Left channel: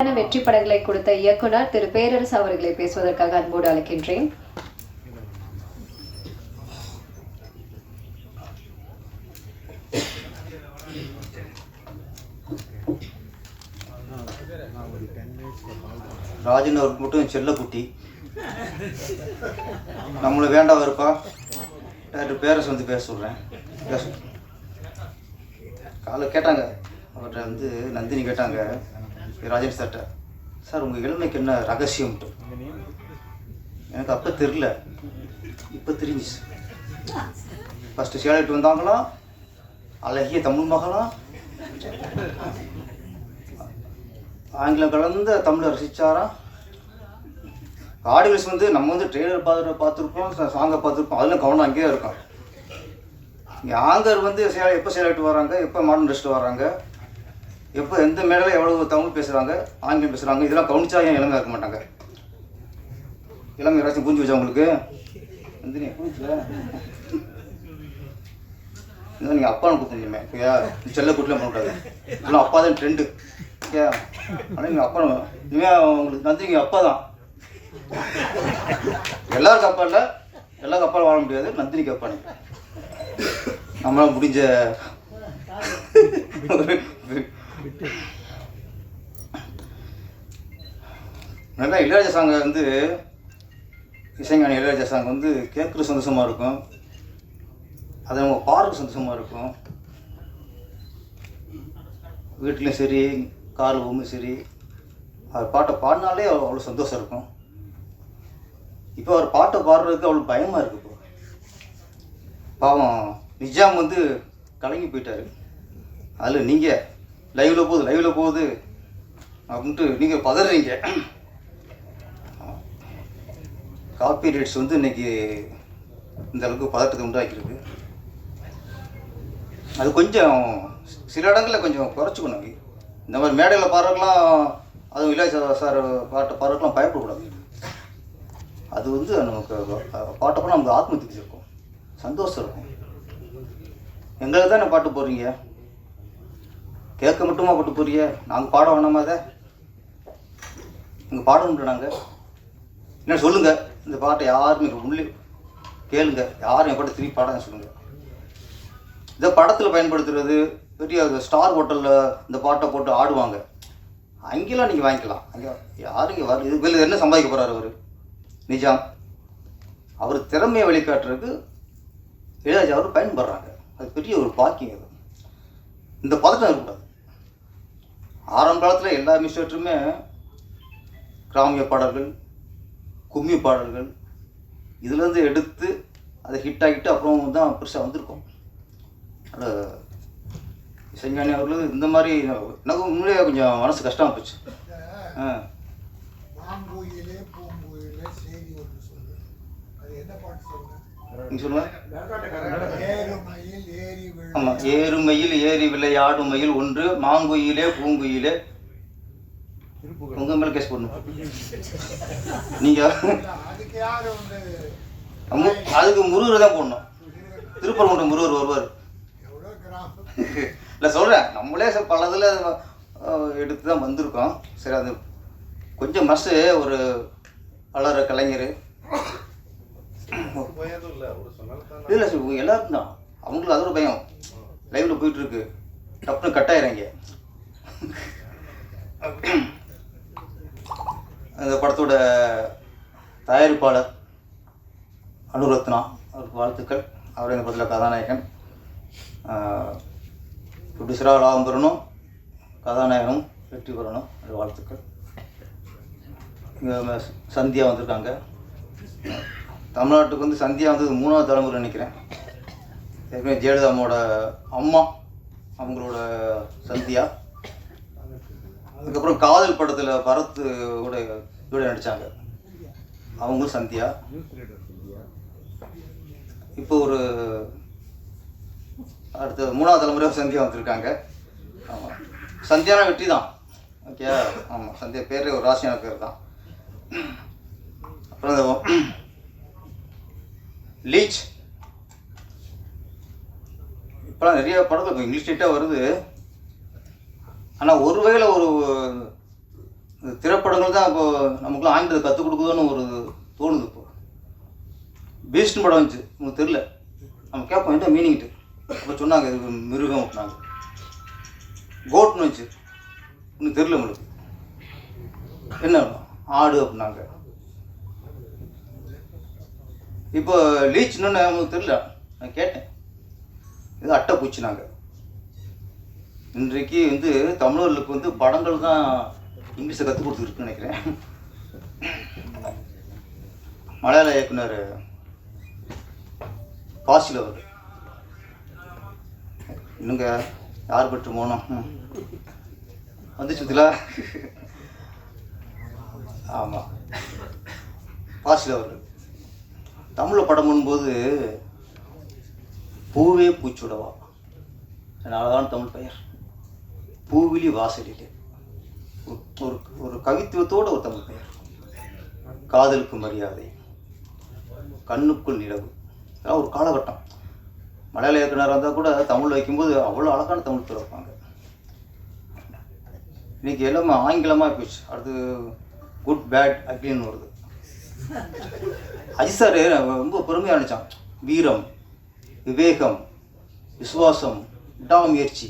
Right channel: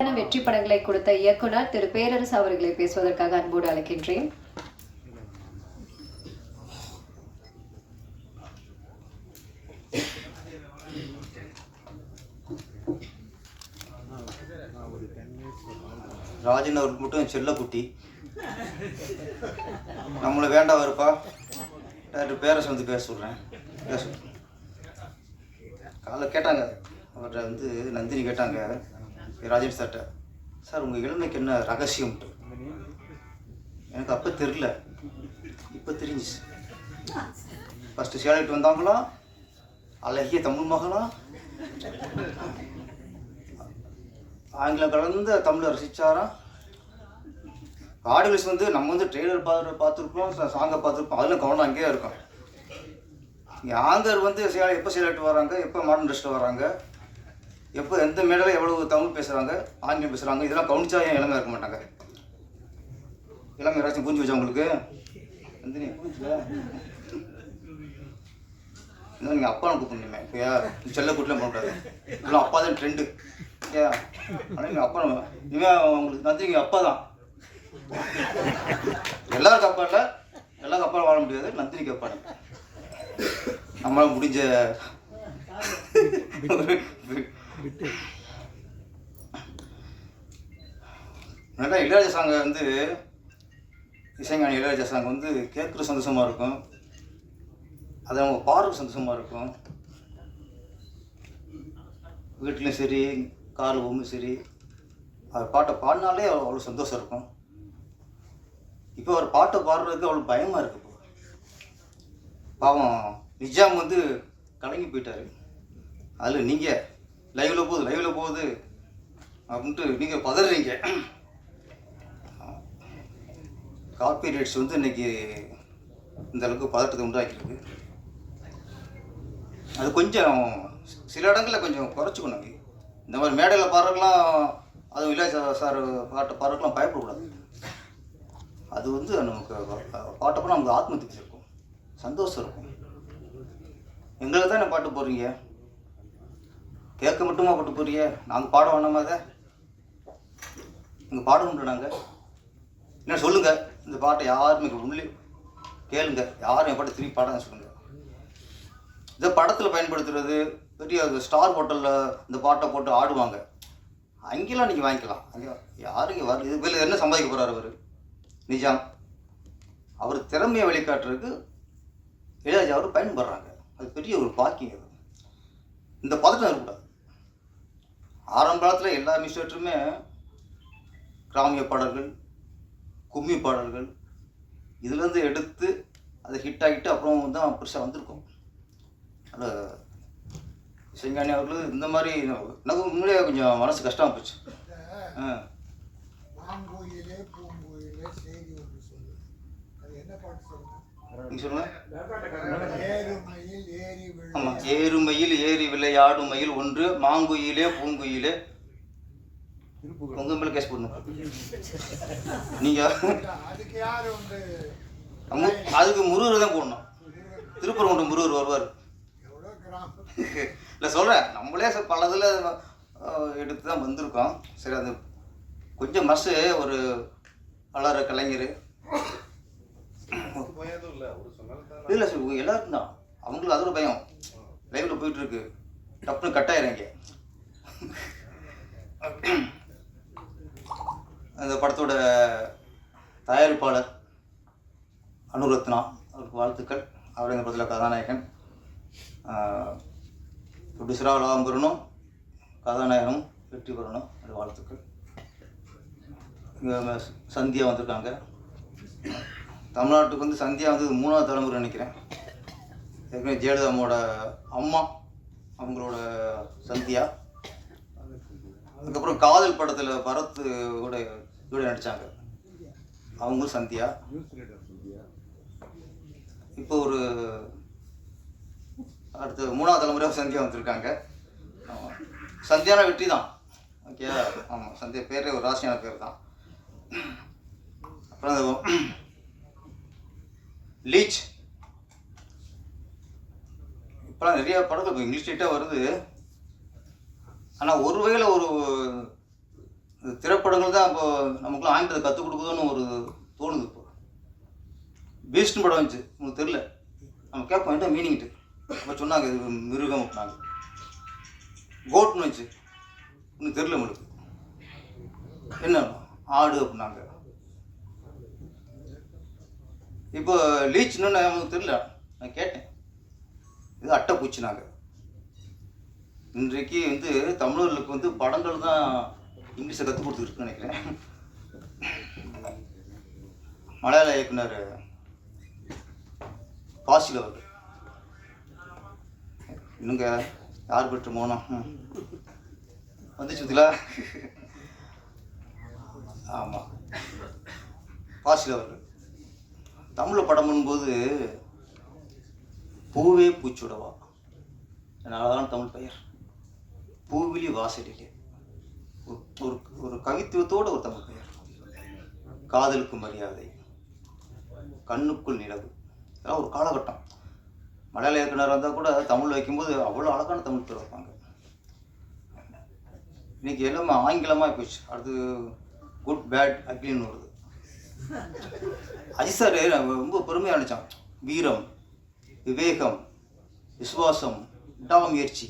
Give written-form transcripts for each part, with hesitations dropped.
வெற்றி படங்களை கொடுத்த இயக்குனர் திரு பேரரசு அவர்களை பேசுவதற்காக அன்போடு அழைக்கின்றேன். ராஜன் அவருக்கு மட்டும் செல்ல குட்டி நம்மளை வேண்டாம் இருப்பா. டாக்டர் பேரரசு வந்து பேச சொல்கிறேன். பேச காலை கேட்டாங்க அவர்கிட்ட வந்து நந்தினி கேட்டாங்க ராஜன் சார்கிட்ட, சார் உங்கள் இளமைக்கு என்ன ரகசியம்ட்டு. எனக்கு அப்போ தெரியல, இப்போ தெரிஞ்சிச்சு. ஃபஸ்ட்டு சேலைட்டு வந்தாங்களாம், அழகிய தமிழ் மகளாம், ஆங்கிலம் கலந்த தமிழை ரசித்தாராம். ஆடியன்ஸ் வந்து நம்ம வந்து ட்ரெய்லர் பார்த்துருப்போம், சாங்கை பார்த்துருப்போம், அதில் கவனம் அங்கேயே இருக்கும். இங்கே ஆங்கர் வந்து எப்போ சேலைட்டு வராங்க, எப்போ மாடர்ன் ட்ரெஸ்ட்டு வராங்க, எப்போ எந்த மேடையில் எவ்வளோ தமிழ் பேசுகிறாங்க, ஆங்கிலம் பேசுகிறாங்க, இதெல்லாம் கவனிச்சா ஏன் இளமையாக இருக்க மாட்டாங்க? இளமை யாராச்சும் புரிஞ்சு வச்சா உங்களுக்கு வந்து நீ புரிஞ்சுல இன்னும் நீங்கள் அப்பான்னு கொடுத்துருந்தீங்க ஓகேயா? செல்ல கூட்டலாம் பண்ணக்கூடாது, இதெல்லாம் அப்பா தான் ட்ரெண்டு ஓகே. ஆனால் நீங்கள் அப்பா இனிமேல் உங்களுக்கு வந்து நீங்கள் அப்பா தான். எல்லாருக்கும் அப்பா இல்லை, எல்லாருக்கும் அப்பா வாழ முடியாது, நந்தினிக்கு அப்பா நம்மளால் முடிஞ்ச நல்லா இளையராஜா சாங்கை வந்து இசைஞானி இளையராஜா சாங் வந்து கேட்குற சந்தோஷமாக இருக்கும், அது அவங்க பாடுற சந்தோஷமாக இருக்கும். வீட்லேயும் சரி காரில் போகும்போது சரி அவர் பாட்டை பாடினாலே அவ்வளோ சந்தோஷம் இருக்கும். இப்போ அவர் பாட்டை பாடுறதுக்கு அவ்வளோ பயமாக இருக்குது. இப்போ பாவம் நிஜாம் வந்து கலங்கி போயிட்டார். அதில் நீங்கள் லைவில் போகுது அப்படின்ட்டு நீங்கள் பதறீங்க. காப்பி ரைட்ஸ் வந்து இன்றைக்கி இந்த அளவுக்கு பதட்டத்தை உண்டாக்கிருக்கு. அது கொஞ்சம் சில இடங்களில் கொஞ்சம் குறைச்சிக்கணும். இந்த மாதிரி மேடையில் பாடுறதுக்கெலாம், அதுவும் இளையராஜா சார் பாட்டை பாடுறதுக்கெலாம் பயப்படக்கூடாது. அது வந்து நமக்கு பாட்டப்போ நமக்கு ஆத்ம திருப்தி இருக்கும், சந்தோஷம் இருக்கும். எங்களுக்கு தான் பாட்டு போடுறீங்க, கேட்க மட்டுமா பாட்டு போடுறீங்க, நாங்கள் பாட வேணாமா? அதை நீங்கள் பாடணுன்ற நாங்கள் என்ன சொல்லுங்கள், இந்த பாட்டை யாருமே உள்ளே கேளுங்க, யாரும் என் பாட்டை திருப்பி பாடாத சொல்லுங்கள். இதை படத்தில் பயன்படுத்துறது, பெரிய ஸ்டார் ஹோட்டலில் இந்த பாட்டை போட்டு ஆடுவாங்க, அங்கெல்லாம் நீங்கள் வாங்கிக்கலாம். அங்கே யாரும் இங்கே வர இது வெளியில் என்ன சம்பாதிக்க போகிறார் அவர் நிஜாம்? அவர் திறமையை வெளிக்காட்டுறதுக்கு இளையராஜா அவர் பயன்படுறாங்க. அது பெரிய ஒரு பாக்கியம். அது இந்த பதட்டம் இருக்கக்கூடாது. ஆரம்ப காலத்தில் எல்லா மியூசியேட்டருமே கிராமிய பாடல்கள், கும்மி பாடல்கள் இதுலேருந்து எடுத்து அதை ஹிட் ஆகிட்டு அப்புறம் தான் பெருசாக வந்திருக்கும். அதில் இசைஞானி அவர்கள் இந்த மாதிரி எனக்கு உண்மையிலேயே கொஞ்சம் மனசு கஷ்டமாக போச்சு. நீங்கள் சொல்லுங்கள். ஆமாம், ஏறுமையில் ஏறி விளையாடும் மயில் ஒன்று, மாங்குயிலே பூங்குயிலே. உங்க மேலே கேஸ் போடணும் நீங்கள். அதுக்கு முருகர் தான் போடணும். திருப்பரங்குன்றம் முருகர் வருவார். இல்லை சொல்கிறேன், நம்மளே பல இதில் எடுத்து தான் வந்திருக்கோம். சரி, அது கொஞ்சம் மனசு ஒரு வளர கலைஞர் இல்லை சார், எல்லாருக்கும் தான். அவங்களுக்கு அது ஒரு பயம். லைவில் போயிட்டுருக்கு, டப்புனு கட் ஆயிடுறாங்க. அந்த படத்தோட தயாரிப்பாளர் அனுரத்னா அவருக்கு வாழ்த்துக்கள். அவர் எங்கள் படத்தில் கதாநாயகன். ப்ரொடியூசராக லாபம் பெறணும், கதாநாயகனும் வெற்றி பெறணும், அது வாழ்த்துக்கள். இங்கே சந்தியா வந்திருக்காங்க. தமிழ்நாட்டுக்கு வந்து சந்தியா வந்து 3வது தலைமுறை நினைக்கிறேன். ஏற்கனவே ஜெயலலிதாவோட அம்மா அவங்களோட சந்தியா. அதுக்கப்புறம் காதல் படத்தில் பரத் கூட நடித்தாங்க, அவங்களும் சந்தியா. இப்போ ஒரு அடுத்த 3வது தலைமுறையாக சந்தியா வந்திருக்காங்க. சந்தியான வெற்றி தான் ஓகே. ஆமாம், சந்தியா பேரே ஒரு ராசியான பேர் தான். அப்புறம் லீச் இப்போலாம் நிறைய படத்தில் இங்கிலீஷ் ஸ்டேட்டாக வருது. ஆனால் ஒரு வகையில் ஒரு இந்த திரைப்படங்கள் தான் இப்போ நமக்குலாம் ஆங்கிலத்தை கற்றுக் கொடுக்குதுன்னு ஒரு தோணுது. இப்போ பீஸ்ட்னு படம் வந்துச்சு, உங்களுக்கு தெரியல, நம்ம கேட்போம் என்ன மீனிங்ட்டு. இப்போ சொன்னாங்க இது மிருகம் அப்படின்னாங்க. கோட்னு வந்துச்சு, இன்னும் தெரியல உங்களுக்கு என்ன ஆடு அப்படின்னாங்க. இப்போ லீச்னு நமக்கு தெரியல, நான் கேட்டேன் இது அட்டைப்பூச்சினாங்க. இன்றைக்கு வந்து தமிழர்களுக்கு வந்து படங்கள் தான் இங்கிலீஷை கற்றுக் கொடுத்துருக்குன்னு நினைக்கிறேன். மலையாள இயக்குனர் பாசில் அவர் இன்னுங்க யார் பெற்று மோனம் வந்துச்சுங்களா? ஆமாம், பாசில் அவர் தமிழில் படம் பண்ணும்போது பூவே பூச்சுடவா, அதனாலதான் தமிழ் பெயர் பூவிலி வாசலிலே, ஒரு ஒரு கவித்துவத்தோட ஒரு தமிழ் பெயர். காதலுக்கு மரியாதை, கண்ணுக்குள் நிலவு, அதான் ஒரு காலகட்டம். மலையாள இயக்குனர் வந்தால் கூட தமிழ் வைக்கும்போது அவ்வளோ அழகான தமிழ் பேர் வைப்பாங்க. இன்னைக்கு எல்லாமே ஆங்கிலமாக போயிடுச்சு. அடுத்து குட் பேட் அக்லின்னு வருது. அஜித் சார் ரொம்ப பெருமையாக நினச்சான். வீரம், விவேகம், விசுவாசம், விடாமுயற்சி,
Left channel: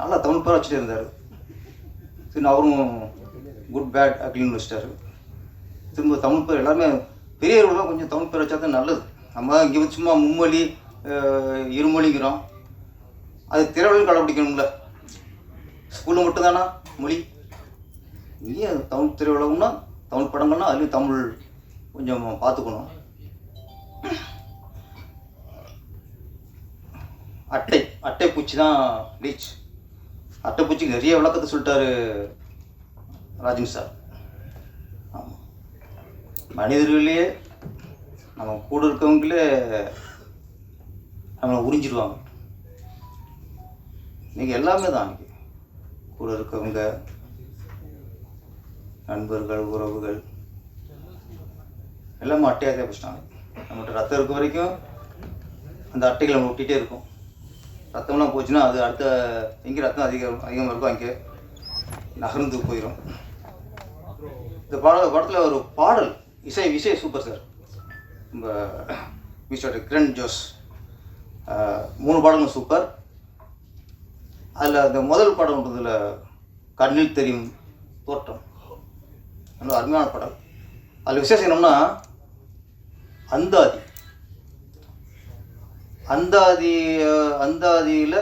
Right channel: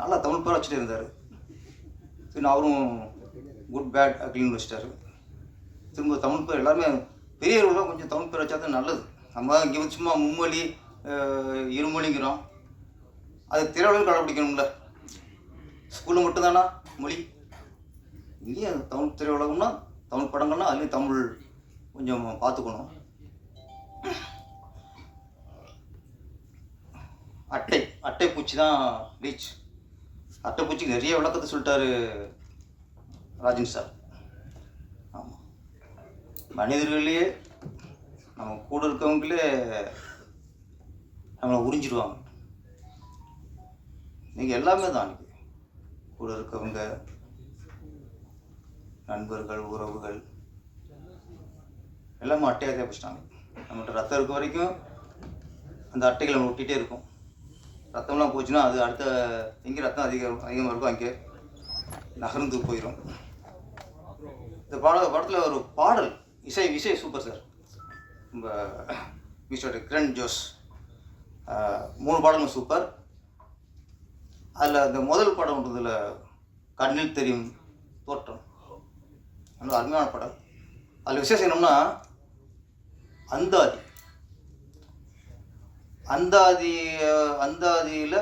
நல்லா தமிழ் பேர் வச்சுட்டு இருந்தார். திரும்ப அவரும் குட் பேட் அக்லின்னு வச்சிட்டாரு. திரும்ப தமிழ் பேர் எல்லாருமே பெரியவர்கள்லாம் கொஞ்சம் தமிழ் பேர் வச்சா தான் நல்லது. நம்ம இங்கே வந்து சும்மா மும்மொழி இருமொழிங்கிறோம், அது திரையுலகம் கடைப்பிடிக்கணும்ல. ஸ்கூலில் மட்டும்தானா மொழி, இங்கே தமிழ் திரையுலகம்னா தமிழ் படங்கள்னா அதுலேயும் தமிழ் கொஞ்சம் பார்த்துக்கணும். அட்டைப்பூச்சி தான் லீச். அட்டைப்பூச்சிக்கு நிறைய விளக்கத்தை சொல்லிட்டாரு ராஜன் சார். ஆமாம், மனிதர்களே நம்ம கூட இருக்கவங்களே நம்மளை உறிஞ்சிடுவாங்க. நீங்கள் எல்லாமே தான் அன்றைக்கி கூட இருக்கவங்க, நண்பர்கள், உறவுகள் எல்லாமே அட்டையாக தேவைச்சிட்டாங்க. நம்மகிட்ட ரத்தம் இருக்க வரைக்கும் அந்த அட்டைகளை நம்ம ஒட்டிகிட்டே இருக்கும். ரத்தம்லாம் போச்சுன்னா அது அடுத்த எங்கே ரத்தம் அதிகமாக இருக்கும் அங்கே நகர்ந்து போயிடும். இந்த படத்தில் ஒரு பாடல் இசை சூப்பர் சார். நம்ம மிஸ்டர் கிரண் ஜோஸ் 3 பாடலும் சூப்பர். அதில் அந்த முதல் படம்ன்றதில் கண்ணில் தெரியும் தோற்றம் நல்ல அருமையான படம். அதில் விசேஷம் என்னன்னா அந்தாதியில்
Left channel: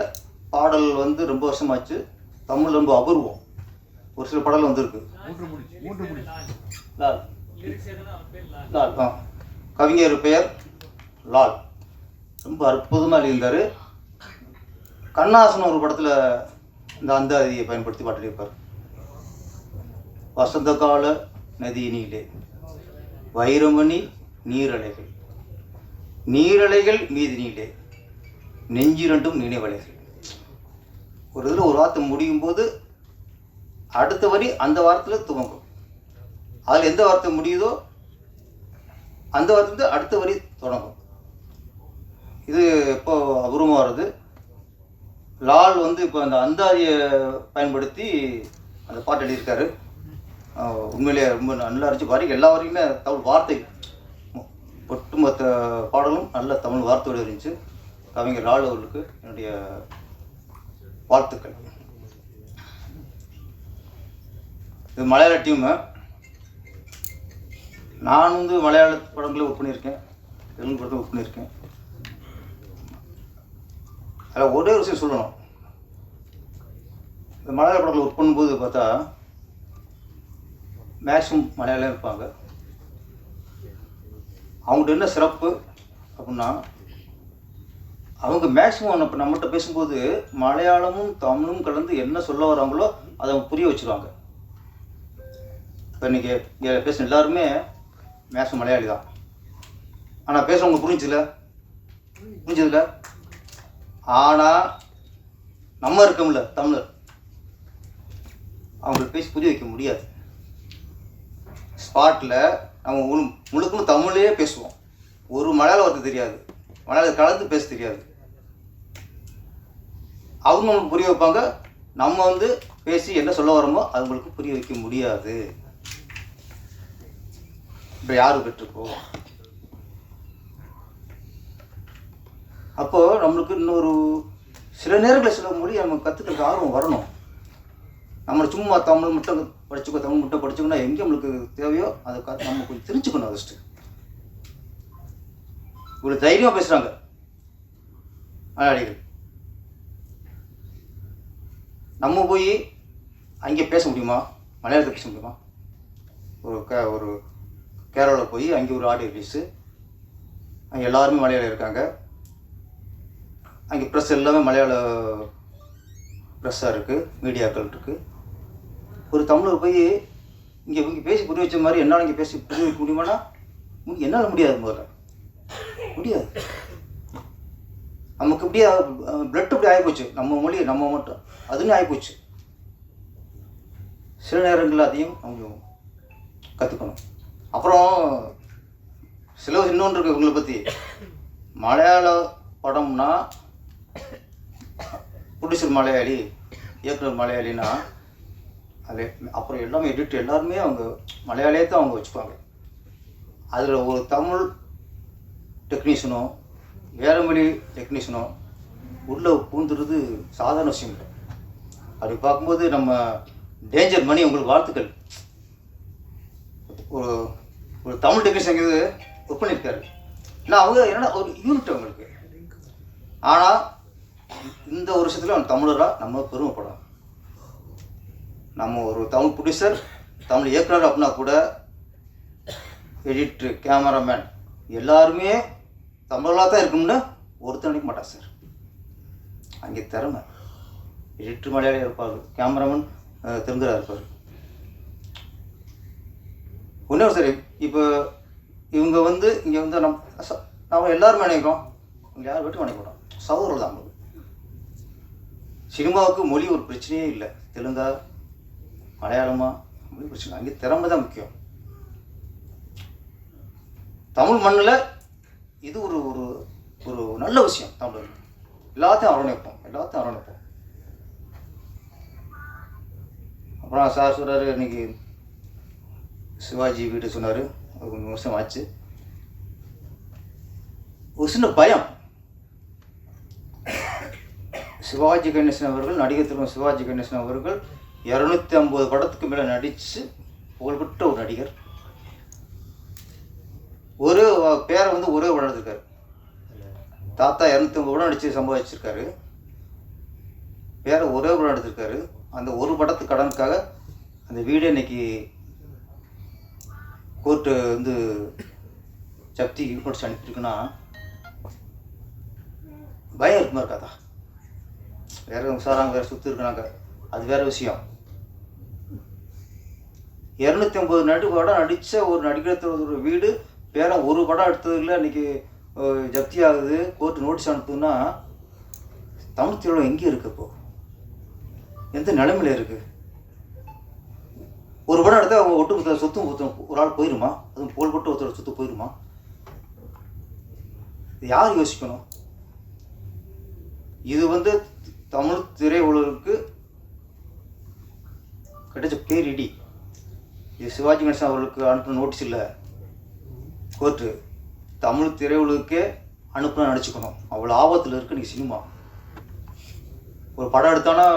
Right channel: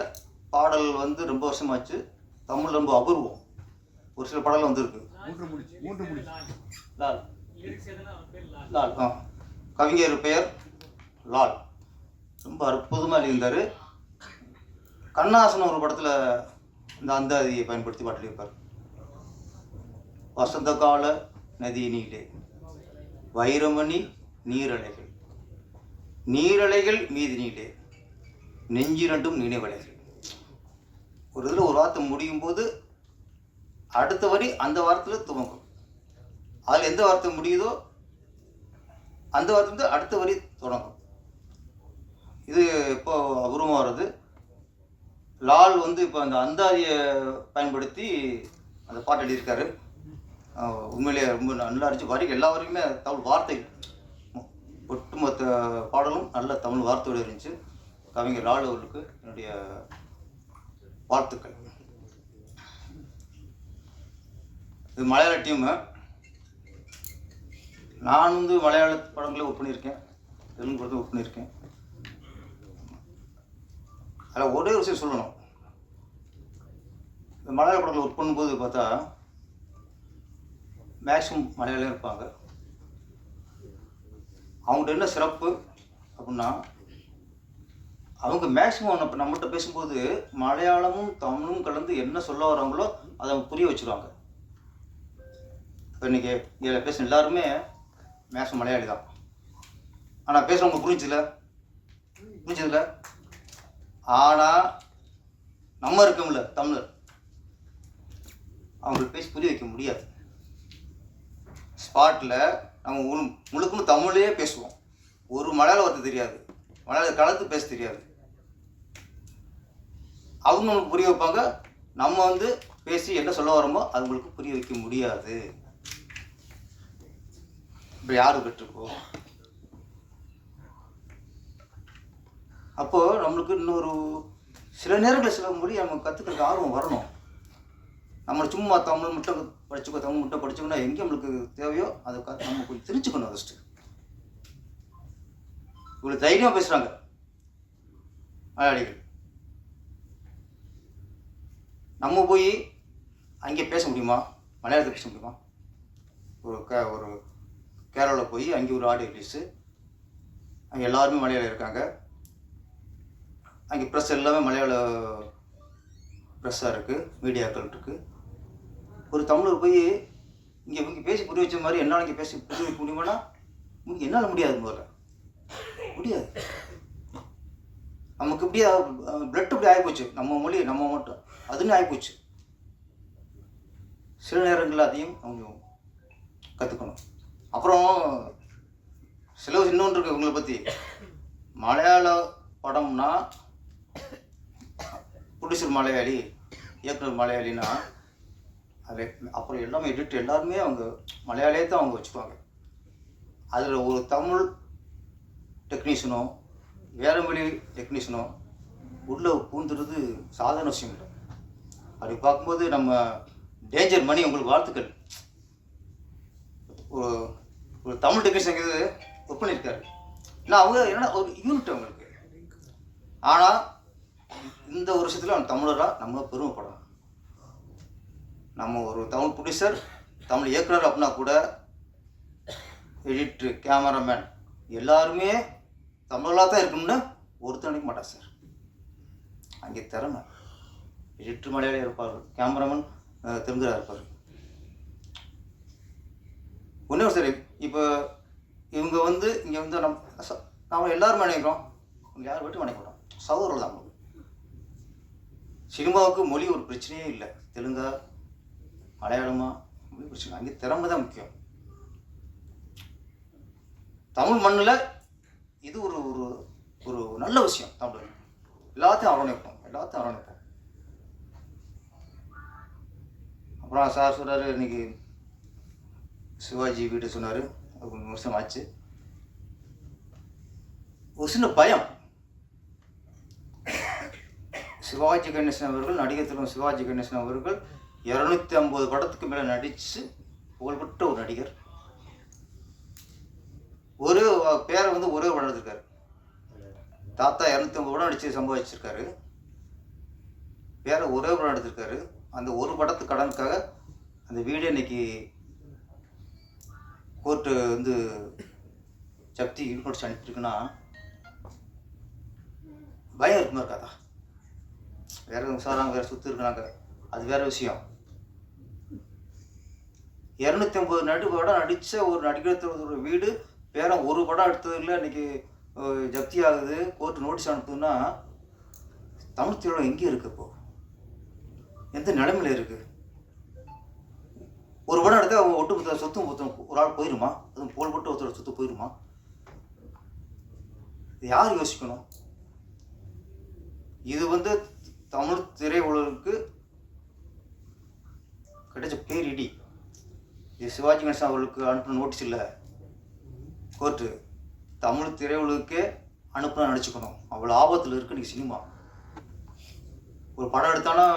பாடல் வந்து ரொம்ப வருஷமாச்சு. தமிழ் ரொம்ப அபூர்வம். ஒரு சில பாடல் வந்துருக்கு. லால் லால் கவிஞர் பெயர் லால், ரொம்ப அற்புதமாக எழுதியிருந்தார். கண்ணாசன் ஒரு படத்தில் இந்த அந்தாதியை பயன்படுத்தி பாட்டிருப்பார். வசந்த கால நதியினிலே வைரமணி நீரலைகள் மீதினிலே நெஞ்சிரண்டும் நினைவலைகள். ஒரு இதில் ஒரு வார்த்தை முடியும் போது அடுத்த வரி அந்த வாரத்தில் துவங்கும். அதில் எந்த வார்த்தை முடியுதோ அந்த வாரத்துலேருந்து அடுத்த வரி தொடங்கும். இது இப்போ அபூர்வமாக வருது. லால் வந்து இப்போ அந்த அந்தாதியை பயன்படுத்தி அந்த பாட்டு எழுதியிருக்காரு. உண்மையிலேயே ரொம்ப நல்லா இருந்துச்சு. வரி எல்லா வரைக்குமே தமிழ் வார்த்தை, ஒட்டுமொத்த பாடலும் நல்ல தமிழ் வார்த்தையோடு இருந்துச்சு. கவிஞர் லால் அவர்களுக்கு என்னுடைய வாழ்த்துக்கள். இது மலையாள டீமு. நான் வந்து மலையாள படங்களை ஒர்க் பண்ணியிருக்கேன், தெலுங்கு படத்தை ஒர்க் பண்ணியிருக்கேன். அதில் ஒரே ஒரு விஷயம் சொல்லணும். இந்த மலையாள படத்தில் ஒர்க் பண்ணும்போது பார்த்தா மேக்ஸிமம் மலையாளம் இருப்பாங்க. அவங்கள்ட்ட என்ன சிறப்பு அப்படின்னா, அவங்க மேக்ஸிமம் இப்போ நம்மகிட்ட பேசும்போது மலையாளமும் தமிழும் கலந்து என்ன சொல்ல வராங்களோ அதை அவங்க புரிய வச்சுருவாங்க. இப்போ இன்றைக்கி இங்கே பேசின எல்லாருமே மேக்ஸிமம் மலையாளி தான். ஆனால் பேசுகிறவங்க புரிஞ்சதில்ல. ஆனால் நம்ம இருக்கோம்ல தமிழர், அவங்களுக்கு பேசி புரிய வைக்க முடியாது. ஸ்பாட்டில் நம்ம முழுக்கும் தமிழே பேசுவோம். ஒரு மலையாள வார்த்தை தெரியாது, மலையாளம் கலந்து பேச தெரியாது. அவங்க நமக்கு புரிய வைப்பாங்க, நம்ம வந்து பேசி என்ன சொல்ல வரோமோ அவங்களுக்கு புரிய வைக்க முடியாது. இப்போ யார் பெற்றுக்கோ. அப்போது நம்மளுக்கு இன்னொரு சில நேரங்களில் சில மொழி நம்ம கற்றுக்கிறதுக்கு ஆர்வம் வரணும். நம்ம சும்மா தமிழ் மட்டும் படிச்சுக்கோ, தமிழ் மட்டும் படிச்சுக்கோன்னா எங்கே நம்மளுக்கு தேவையோ அதை நம்ம கொஞ்சம் தெரிஞ்சுக்கணும். ஃபஸ்ட்டு இவ்வளோ தைரியமாக பேசுகிறாங்க மலையாளிகள். நம்ம போய் அங்கே பேச முடியுமா? மலையாளத்தில் பேச முடியுமா? ஒரு கேரளாவில் போய் அங்கே ஒரு ஆடியோ ரிலீஸு, அங்கே எல்லாருமே மலையாளம் இருக்காங்க. அங்கே ப்ரெஸ் எல்லாமே மலையாள ப்ரெஸ்ஸாக இருக்குது, மீடியாக்கள் இருக்குது. ஒரு தமிழர் போய் இங்கே பேசி புரிய வச்ச மாதிரி என்னால் இங்கே பேசி புரிய வைக்க முடியுமானா என்னால் முடியாது. முதல்ல முடியாது. நமக்கு இப்படியே பிளட் இப்படி ஆகிப்போச்சு. நம்ம மொழி நம்ம மட்டும் அதுன்னு ஆகிப்போச்சு. சில நேரங்களில் அதையும் அவங்க கற்றுக்கணும். அப்புறம் சில இன்னொன்று இருக்குது இவங்களை பற்றி. மலையாள படம்னா ப்ரொடியூசர் மலையாளி, இயக்குனர் மலையாளினா அது அப்புறம் எல்லாமே எடிட் எல்லாருமே அவங்க மலையாளியே தான் அவங்க வச்சுப்பாங்க. அதில் ஒரு தமிழ் டெக்னீஷியனோ வேறு மொழி டெக்னீஷியனோ உள்ளே பூந்துடுறது சாதாரண விஷயம் இல்லை. அப்படி பார்க்கும்போது நம்ம டேஞ்சர் மணி உங்களுக்கு வாழ்த்துக்கள். ஒரு தமிழ் டெக்னீஷியன் இது ஒர்க் பண்ணியிருக்காரு. இல்லை அவங்க என்னென்னா ஒரு யூனிட் அவங்களுக்கு. ஆனால் இந்த ஒரு விஷயத்தில் அவன் தமிழராக நம்ம பெருமைப்படணும். நம்ம ஒரு தமிழ் ப்ரொடியூசர், தமிழ் இயக்குனர் அப்படின்னா கூட எடிட்ரு, கேமராமேன் எல்லாருமே தமிழாக தான் இருக்கணும்னு ஒருத்தர் நினைக்க மாட்டார் சார். அங்கே திறமை. எடிட்ரு மலையாளியாக இருப்பார், கேமராமேன் தெலுங்கராக இருப்பார். ஒன்றே சரி. இப்போ இவங்க இங்கே நம்ம எல்லாருமே நினைக்கிறோம், இங்கே யார் வீட்டுக்கு நினைக்கிறோம் சகோதரர்கள் தான். சினிமாவுக்கு மொழி ஒரு பிரச்சனையே இல்லை. தெலுங்கா மலையாளமா மொழி பிரச்சனை. அங்கே திறமை தான் முக்கியம். தமிழ் மண்ணில் இது ஒரு ஒரு ஒரு நல்ல விஷயம். தமிழ் எல்லாத்தையும் அரவணைப்போம், எல்லாத்தையும் அரவணைப்போம். அப்புறம் சார் சொல்கிறாரு, இன்னைக்கு சிவாஜி வீடு சொன்னார், ஒரு 3 வருஷம் ஆச்சு. ஒரு சின்ன பயம். சிவாஜி கணேசன் அவர்கள், நடிகர் திரு சிவாஜி கணேசன் அவர்கள் 250 படத்துக்கு மேலே நடித்து புகழ்பெற்ற ஒரு நடிகர். ஒரு பேரை ஒரே படம் எடுத்திருக்காரு. தாத்தா 250 படம் நடித்து சம்பாதிச்சிருக்காரு. பேரை ஒரே படம் எடுத்திருக்காரு. அந்த ஒரு படத்து கடனுக்காக அந்த வீடே இன்னைக்கு கோர்ட்டு ஜப்தி இன்படிச்சு அனுப்பிட்டுருக்குன்னா பயம் இருக்குமா இருக்காதா? வேறு விசாராங்க, வேறு சுற்றி இருக்கிறாங்க, அது வேறு விஷயம். 250 படம் நடித்த ஒரு நடிகர் வீடு பேர ஒரு படம் எடுத்ததில் இன்றைக்கி ஜப்தி ஆகுது, கோர்ட்டு நோட்டீஸ் அனுப்புதுன்னா தமிழ் திரையுலகம் எங்கே இருக்குது? இப்போது எந்த நிலைமையில் இருக்குது? ஒரு படம் எடுத்தால் அவங்க ஒட்டுமொத்த சொத்தும் ஒரு ஆள் போயிடுமா? அதுவும் புகழ்பெற்ற ஒருத்தரோட சொத்து போயிடுமா? இது யார் யோசிக்கணும்? இது தமிழ் திரையுலகுக்கு கிடைச்ச பேரிடி. இது சிவாஜி கணேசன் அவர்களுக்கு அனுப்பின நோட்டீஸ் இல்லை, கோர்ட்டு தமிழ் திரையுலகுக்கே அனுப்புனா நினச்சிக்கணும். அவ்வளோ ஆபத்தில் இருக்குது இன்றைக்கி சினிமா. ஒரு படம் எடுத்தானா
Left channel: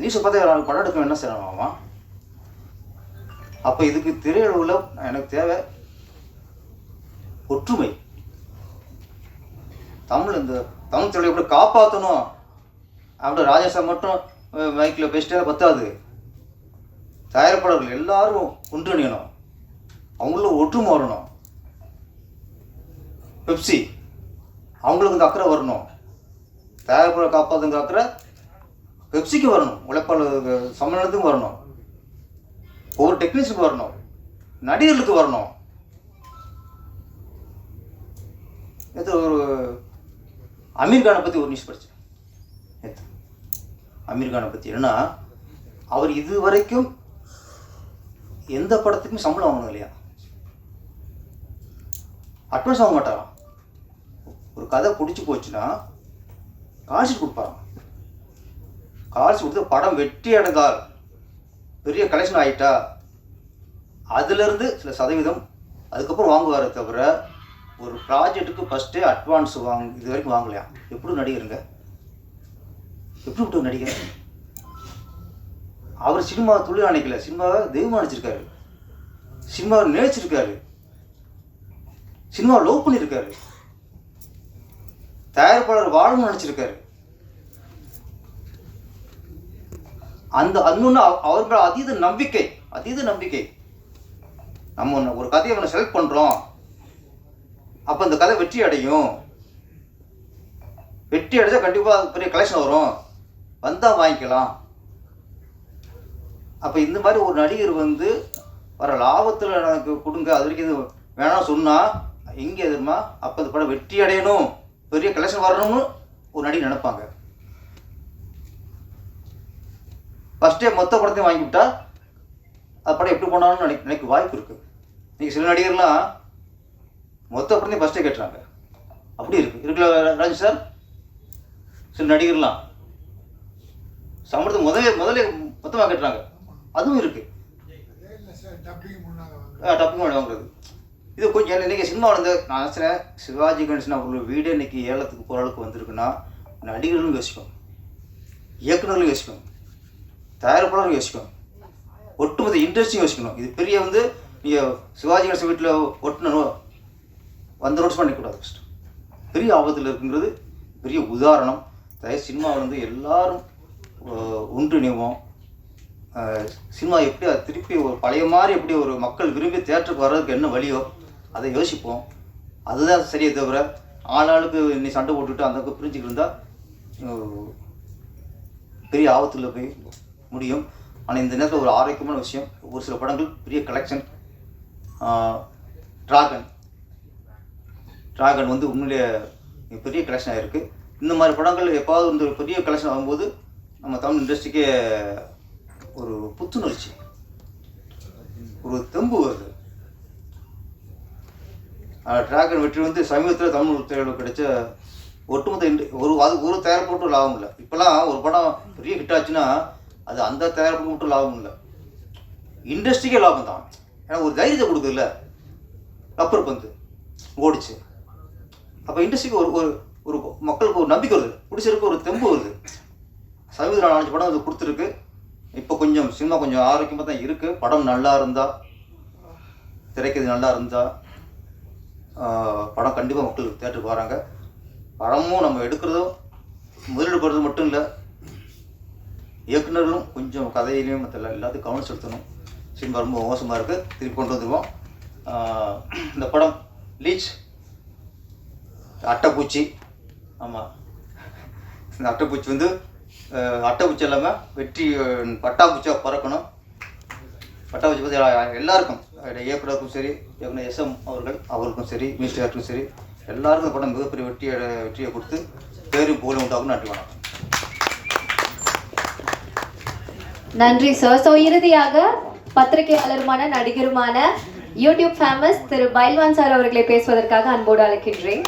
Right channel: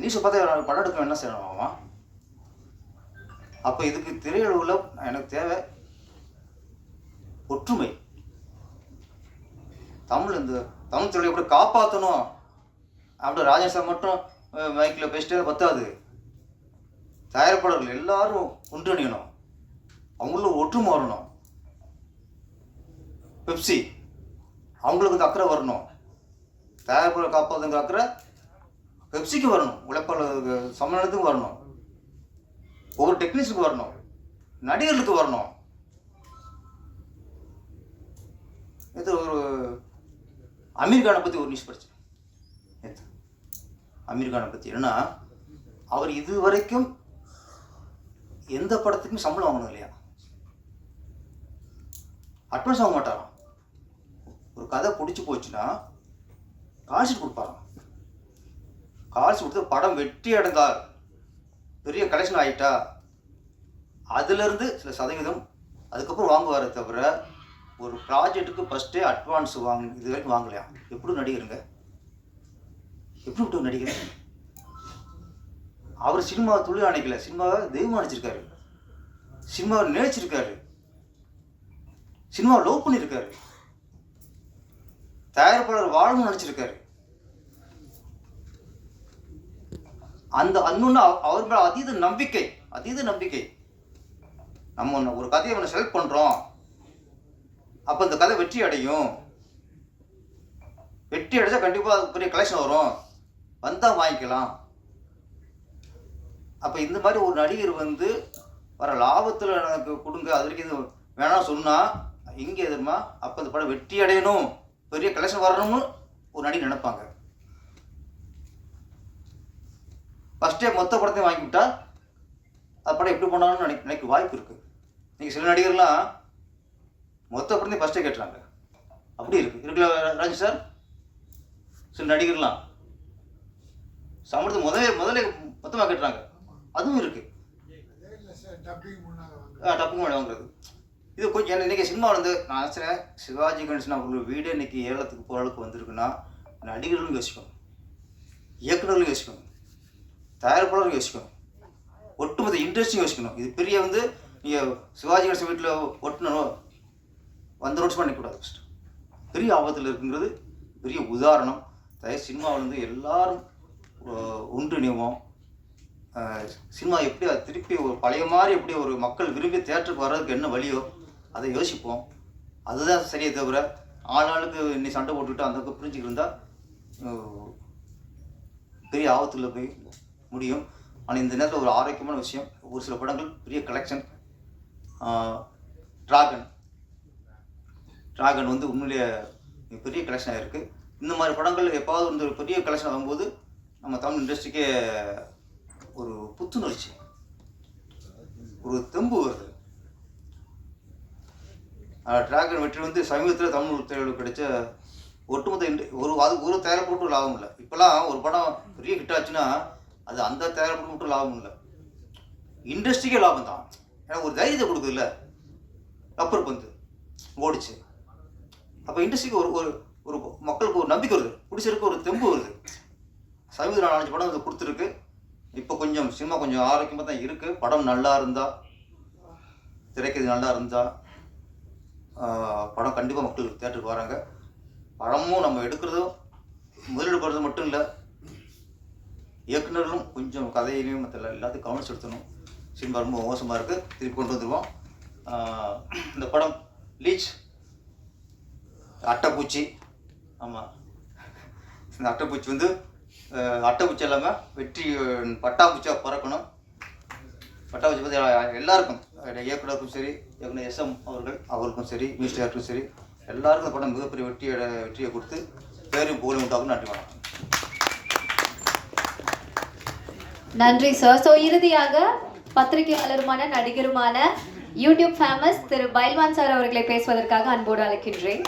நியூஸை பார்த்தா படம் எடுக்க என்ன செய்யணும்? அப்போ இதுக்கு திரையுலகில் எனக்கு தேவை ஒற்றுமை. தமிழ் திரையை எப்படி காப்பாற்றணும் அப்படி ராஜேஷா மட்டும் மைக்கில் பேசிட்டே பத்தாது. தயாரிப்பாளர்கள் எல்லாரும் ஒன்றிணையணும், அவங்களும் ஒற்றுமை வரணும். பெப்சி அவங்களுக்கு இந்த அக்கறை வரணும். தயாரிப்பாளர் காப்பாற்றுங்க அக்கறை பெப்சிக்கு வரணும், உழைப்பாளர் சம்மேளனத்துக்கும் வரணும், ஒவ்வொரு டெக்னீஷியனுக்கு வரணும், நடிகர்களுக்கு வரணும். இது ஒரு அமீர் கானை பற்றி ஒரு நியூஸ் படித்தேன் நேற்று. அமீர் கானை பற்றி என்னன்னா, அவர் இது வரைக்கும் எந்த படத்துக்கும் சம்பளம் வாங்கணும் இல்லையா, அட்வான்ஸ் வாங்க மாட்டாராம். ஒரு கதை பிடிச்சி போச்சுன்னா காசு கொடுப்பாராம். காசு கொடுத்து படம் வெற்றி அடைந்தால் பெரிய கலெக்ஷன் ஆகிட்டா அதுலேருந்து சில சதவீதம் அதுக்கப்புறம் வாங்குவாரே தவிர ஒரு ப்ராஜெக்ட்டுக்கு ஃபஸ்ட்டே அட்வான்ஸ் இது வரைக்கும் வாங்கலையா? எப்படி நடிகருங்க, எப்படி விட்டு நடிகர்? அவர் சினிமா தொழில் நினைக்கல, சினிமாவை தெய்வம் நினச்சிருக்காரு, சினிமாவை நினைச்சிருக்காரு, சினிமாவை லவ் பண்ணியிருக்காரு, தயாரிப்பாளர் வாழணும்னு நினச்சிருக்காரு. அந்த இன்னொன்று அவர்கள் அதீத நம்பிக்கை. நம்ம ஒரு கதையை ஒன்று செலக்ட் பண்ணுறோம், அப்போ இந்த கதை வெற்றி அடையும், வெற்றி அடைச்சா கண்டிப்பாக பெரிய கலெக்ஷன் வரும், வந்தால் வாங்கிக்கலாம். அப்போ இந்த மாதிரி ஒரு நடிகர் வந்து வர லாபத்தில் எனக்கு கொடுங்க, அது வரைக்கும் இது வேணாம் சொன்னால் இங்கே எதுமா அப்போ இந்த படம் வெற்றி அடையணும், பெரிய கலெக்ஷன் வரணும்னு ஒரு நடிகர் நினைப்பாங்க. ஃபஸ்ட்டே மொத்த படத்தையும் வாங்கிவிட்டா அது படம் எப்படி போனாலும் நினைக்க வாய்ப்பு இருக்குது. நீங்கள் சில நடிகர்லாம் மொத்த படத்தையும் ஃபஸ்ட்டே கேட்டுறாங்க, அப்படி இருக்குல்ல ராஜ் சார்? சில நடிகர்லாம் சம்பளத்தை முதலே மொத்தமாக கேட்டுறாங்க, அதுவும் இருக்குது. டப்பிங் வாங்குறது இது கொஞ்சம் இன்றைக்கி சினிமா வந்து நான் நினச்சேன் சிவாஜி கணேசன் அவங்களோட வீடே இன்றைக்கி ஏலத்துக்கு போகிற அளவுக்கு வந்திருக்குன்னா நடிகர்களும் யோசிக்கும், இயக்குநர்களும் யோசிக்கும், தயாரிப்பாளரும் யோசிக்கும், ஒட்டுமொத்த இண்டஸ்ட்ரியும் யோசிக்கணும். இது பெரிய வந்து நீங்கள் சிவாஜி கணேசன் வீட்டில் ஒட்டணும் வந்து நோட்ஸ் பண்ணிக்கூடாது. ஃபஸ்ட்டு பெரிய ஆபத்தில் இருக்குங்கிறது பெரிய உதாரணம். சினிமாவில் வந்து எல்லாரும் ஒன்றிணைவோம். சினிமா எப்படி அது திருப்பி ஒரு பழைய மாதிரி எப்படி ஒரு மக்கள் விரும்பி தியேட்டருக்கு வர்றதுக்கு என்ன வழியோ அதை யோசிப்போம். அதுதான் சரியே தவிர ஆளாளுக்கு இன்னைக்கு சண்டை போட்டுக்கிட்டு அந்த பிரிஞ்சுக்கிட்டு இருந்தால் பெரிய ஆபத்தில் போய் முடியும். ஆனால் இந்த நேரத்தில் ஒரு ஆரோக்கியமான விஷயம், ஒரு சில படங்கள் பெரிய கலெக்ஷன். டிராகன் வந்து உண்மையிலேயே பெரிய கலெக்ஷன் ஆகிருக்கு. இந்த மாதிரி படங்கள் எப்பாவது வந்து பெரிய கலெக்ஷன் ஆகும்போது நம்ம தமிழ் இண்டஸ்ட்ரிக்கே ஒரு புத்துணர்ச்சி, ஒரு தெம்பு வருது. டிராகன் வெற்றி வந்து சமீபத்தில் தமிழ் திரையுலகில் கிடைச்ச ஒட்டுமொத்த ஒரு தயாரிப்பு மட்டும் லாபம் இல்லை. இப்போலாம் ஒரு படம் பெரிய ஹிட் ஆச்சுன்னா அது அந்த தயாரிப்பு மட்டும் லாபம் இல்லை, இண்டஸ்ட்ரிக்கே லாபம் தான். ஏன்னா ஒரு தைரியத்தை கொடுக்குதுல்ல, ரப்பர் பந்து ஓடிச்சு, அப்போ இண்டஸ்ட்ரிக்கு ஒரு மக்களுக்கு ஒரு நம்பிக்கை வருது, பிடிச்சிருக்கு, ஒரு தெம்பு வருது. சமீபத்தில் 4 படம் அது கொடுத்துருக்கு. இப்போ கொஞ்சம் சினிமா கொஞ்சம் ஆரோக்கியமாக தான் இருக்குது. படம் நல்லா இருந்தால், திரைக்கிறது நல்லா இருந்தால் படம் கண்டிப்பாக மக்களுக்கு தியேட்டருக்கு வராங்க. படமும் நம்ம எடுக்கிறதும் முதலீடு போடுறது மட்டும் இல்லை, இயக்குநர்களும் கொஞ்சம் கதையிலையும் மற்ற எல்லாத்தையும் கவனம் செலுத்தணும். சினிமா ரொம்ப மோசமாக இருக்குது, திருப்பி கொண்டு வந்துடுவோம். இந்த படம் லீச் அட்டைப்பூச்சி, ஆமாம், இந்த அட்டைப்பூச்சி வந்து அட்டைப்பூச்சி இல்லாமல் வெற்றி பட்டாப்பூச்சியாக பறக்கணும். பட்டாப்பூச்சி பற்றி எல்லாருக்கும், இயக்குனருக்கும் சரி, இயக்குனர் SM அவருக்கும் சரி, மினிஸ்டர் டேரக்டருக்கும் சரி, எல்லாருக்கும் படம் மிகப்பெரிய வெற்றியை கொடுத்து பேரும் புகழும் உண்டாகும். நன்றி, வணக்கம். நன்றி சார். ஸோ இறுதியாக பத்திரிகையாளருமான நடிகருமான யூடியூப் ஃபேமஸ் திரு பைல்வான் சார் அவர்களை பேசுவதற்காக அன்போடு அழைக்கின்றேன்.